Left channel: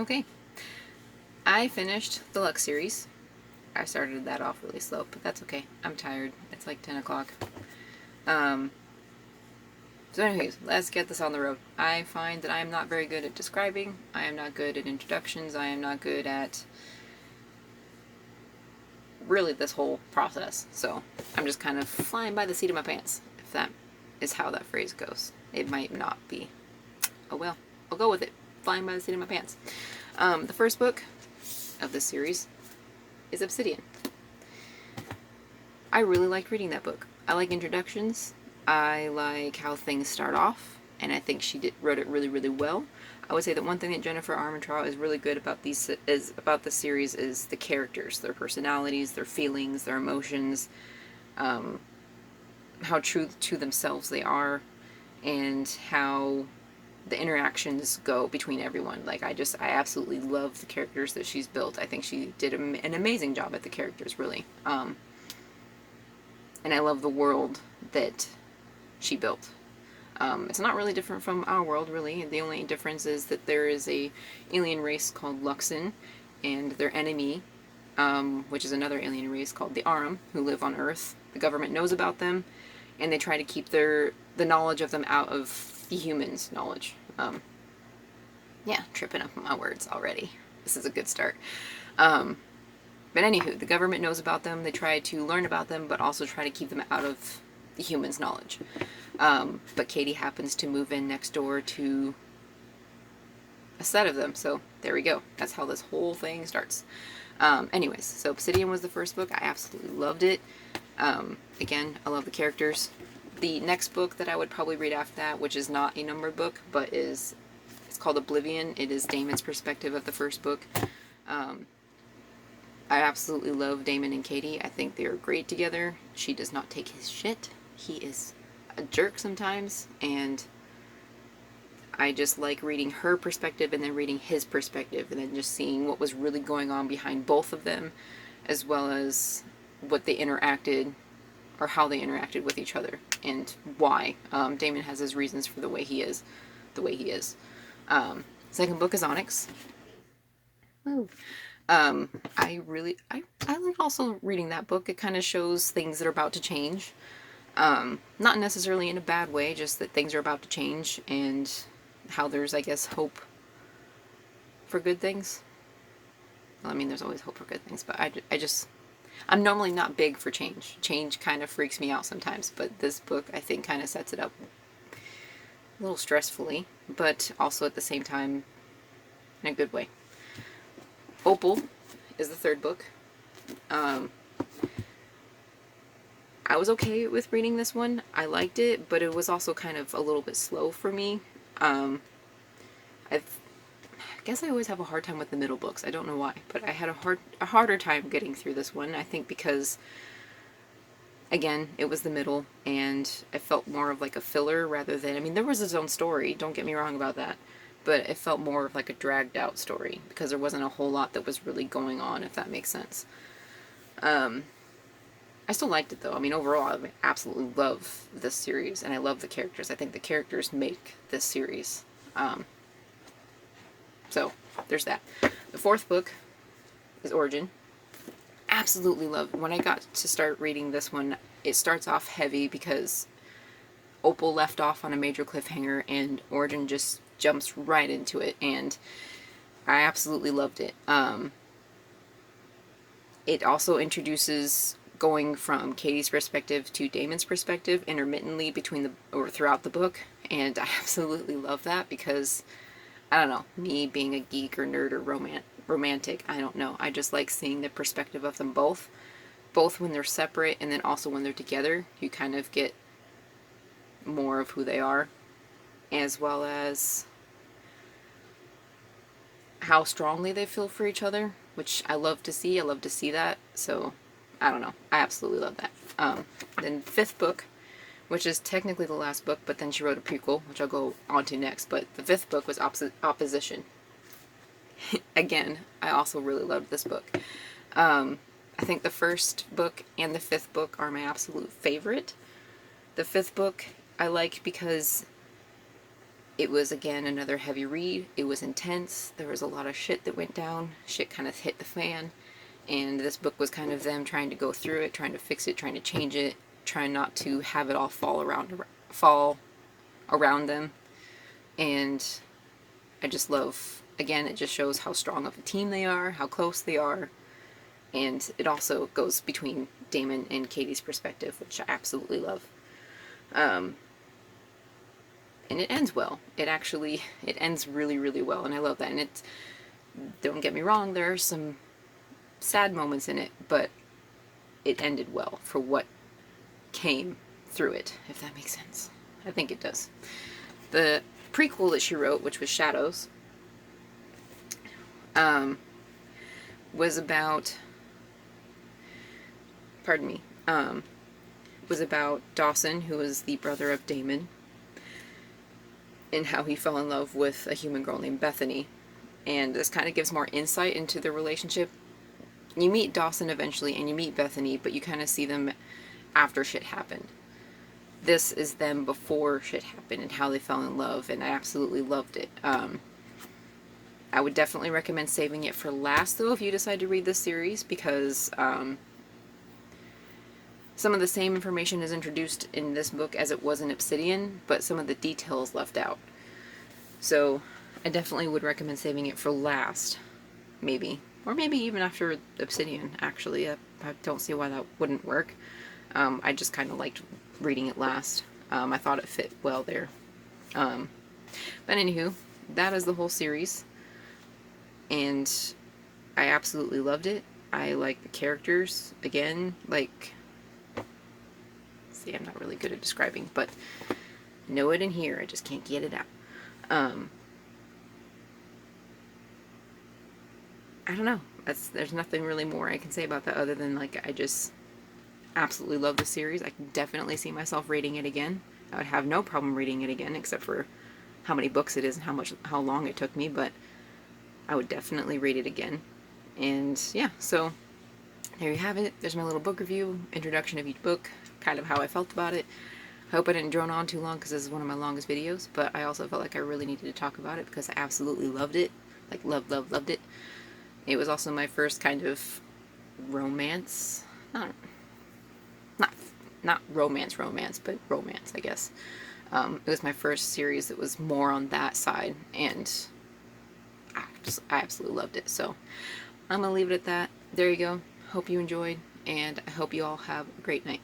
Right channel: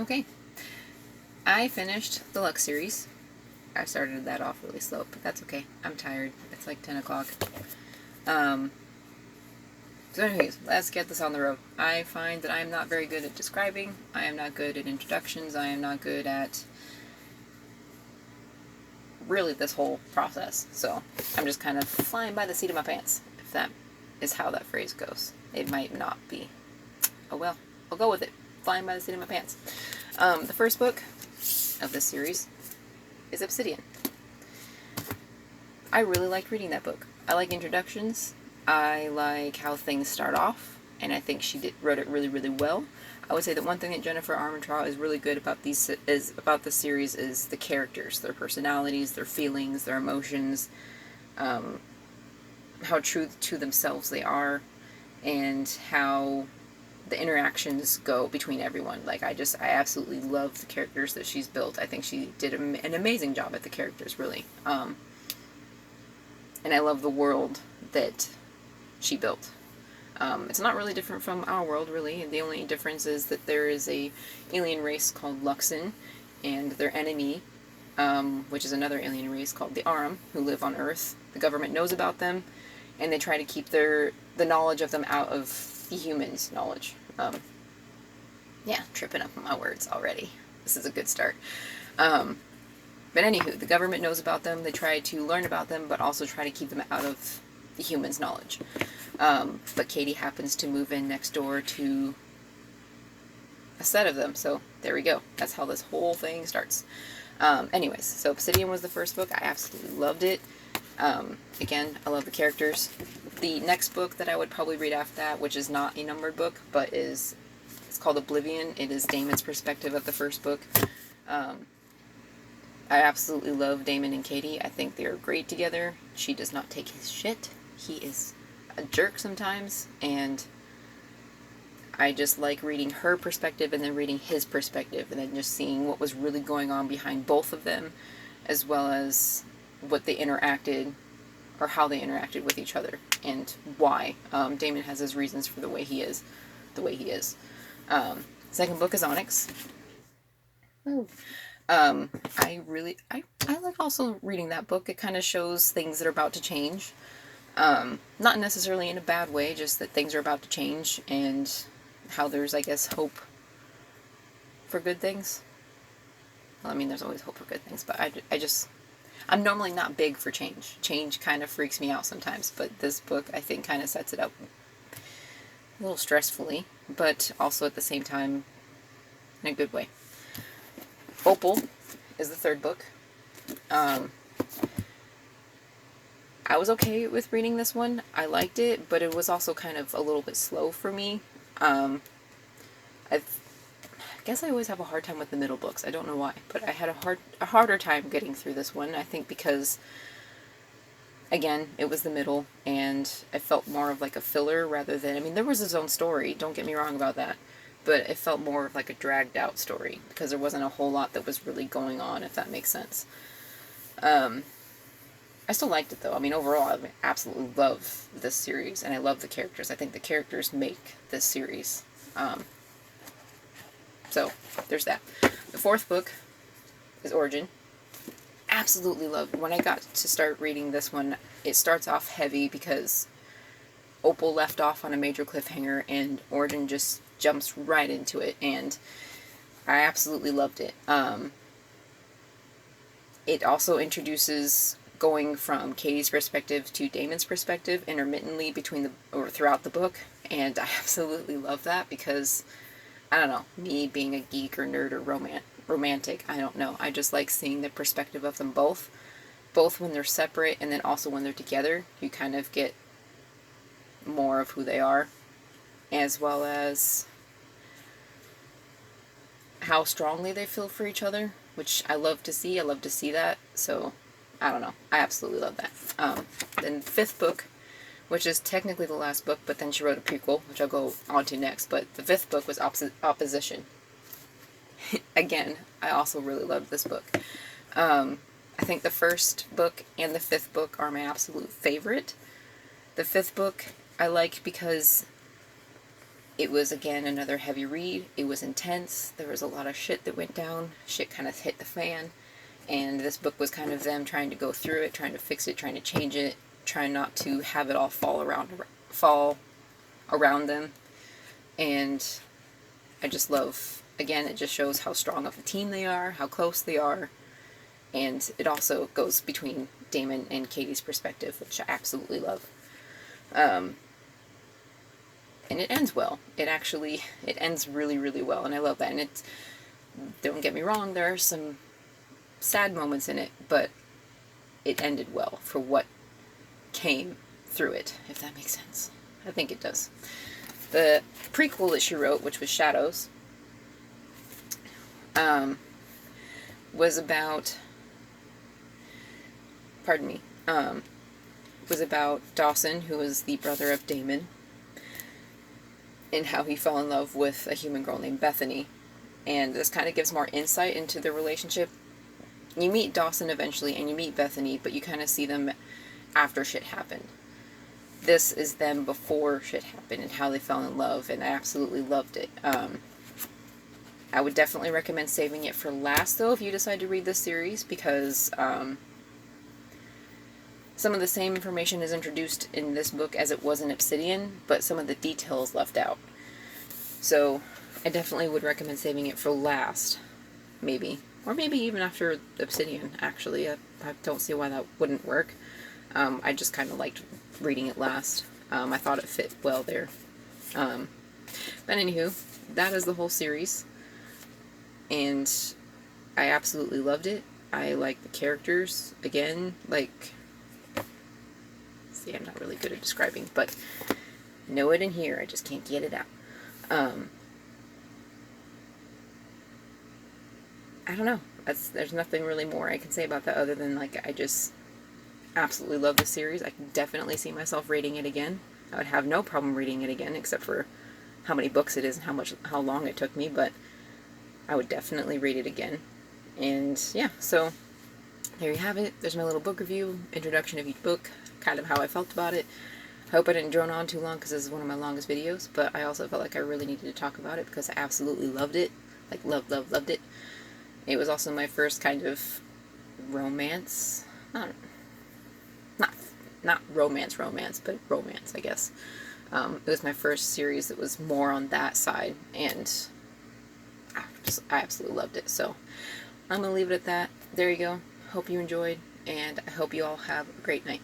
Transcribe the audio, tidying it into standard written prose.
Okay, I finished the Lux series. I started that off really slow, but that's okay. I'm tired. It's like 10 o'clock. Um, so anyways, let's get this on the road. I find that I am not very good at describing. I am not good at introductions. I am not good at really this whole process. So I'm just kind of flying by the seat of my pants, if that is how that phrase goes. It might not be. Oh well, I'll go with it. Flying by the seat of my pants. The first book of this series is Obsidian. I really like reading that book. I like introductions. I like how things start off, and I think she wrote it really, really well. I would say that one thing that Jennifer Armentrout is really good about the series is the characters, their personalities, their feelings, their emotions, how true to themselves they are, and how the interactions go between everyone. Like, I absolutely love the characters that she's built. I think she did an amazing job at the characters, really. And I love the world that she built. It's not really different from our world, really. The only difference is that there is a alien race called Luxon, and their enemy, which is another alien race called the Arum, who live on Earth. The government knows about them, and they try to keep the knowledge of them out of the humans' knowledge. Yeah, tripping up on my words already. This is a good start. But anywho, the government knows about them. They try to learn about them, but also try to keep them out of the humans' knowledge. But Katie happens to move in next door to a set of them, so there we go. That's how this whole thing starts. Anyways, so Obsidian was the first book. I absolutely loved it. Again, I love the characters. The next book that I would probably read after that, which is not a numbered book, but it's called Oblivion. It is Damon's perspective of the first book. I absolutely love Damon and Katie. I think they are great together. She does not take his shit. He is a jerk sometimes, and I just like reading her perspective and then reading his perspective and then just seeing what was really going on behind both of them, as well as what they interacted or how they interacted with each other and why. Damon has his reasons for the way he is. Second book is Onyx. Ooh. I like also reading that book. It kind of shows things that are about to change. Not necessarily in a bad way, just that things are about to change and how there's, I guess, hope for good things. Well, I mean, there's always hope for good things, but I'm normally not big for change. Change kind of freaks me out sometimes, but this book, I think, kind of sets it up a little stressfully, but also at the same time in a good way. Opal is the third book. I was okay with reading this one. I liked it, but it was also kind of a little bit slow for me. I guess I always have a hard time with the middle books. I don't know why, but I had a harder time getting through this one. I think because, again, it was the middle, and it felt more of like a filler rather than... I mean, there was its own story, don't get me wrong about that, but it felt more of like a dragged out story because there wasn't a whole lot that was really going on, if that makes sense. I still liked it though. I mean, overall, I absolutely love this series, and I love the characters. I think the characters make this series. So, there's that. The fourth book is Origin. Absolutely loved it. When I got to start reading this one, it starts off heavy because Opal left off on a major cliffhanger, and Origin just jumps right into it, and I absolutely loved it. It also introduces going from Katie's perspective to Damon's perspective intermittently throughout the book, and I absolutely love that because, I don't know, me being a geek or nerd or romantic, I don't know, I just like seeing the perspective of them both when they're separate and then also when they're together. You kind of get more of who they are, as well as how strongly they feel for each other, which I love to see. I love to see that. So, I don't know. I absolutely love that. Then fifth book, which is technically the last book, but then she wrote a prequel, which I'll go on to next. But the fifth book was Opposition. Again, I also really loved this book. I think the first book and the fifth book are my absolute favorite. The fifth book I like because It was, again, another heavy read. It was intense. There was a lot of shit that went down. Shit kind of hit the fan. And this book was kind of them trying to go through it, trying to fix it, trying to change it, trying not to have it all fall around them. And I just love, again, it just shows how strong of a team they are, how close they are. And it also goes between Damon and Katie's perspective, which I absolutely love. And it ends well. It ends really, really well, and I love that. And don't get me wrong, there are some sad moments in it, but it ended well for what came through it, if that makes sense. I think it does. The prequel that she wrote, which was Shadows, was about, was about Dawson, who was the brother of Damon, and how he fell in love with a human girl named Bethany. And this kind of gives more insight into their relationship. You meet Dawson eventually, and you meet Bethany, but you kind of see them after shit happened. This is them before shit happened and how they fell in love, and I absolutely loved it. I would definitely recommend saving it for last, though, if you decide to read this series, because some of the same information is introduced in this book as it was in Obsidian, but some of the details left out. So I definitely would recommend saving it for last, maybe. Or maybe even after Obsidian, actually. I don't see why that wouldn't work. I just kind of liked reading it last. I thought it fit well there. But anywho, that is the whole series. And I absolutely loved it. I like the characters. Again, like... See, I'm not really good at describing, but know it in here. I just can't get it out. I don't know. There's nothing really more I can say about that other than, like, I just absolutely love the series. I can definitely see myself reading it again. I would have no problem reading it again, except for how many books it is and how long it took me, but I would definitely read it again. And yeah, so there you have it. There's my little book review, introduction of each book, kind of how I felt about it. I hope I didn't drone on too long because this is one of my longest videos, but I also felt like I really needed to talk about it because I absolutely loved it. Like, loved it. It was also my first kind of romance, not romance, but romance, I guess. It was my first series that was more on that side, and I absolutely loved it. So I'm gonna leave it at that. There you go. Hope you enjoyed, and I hope you all have a great night.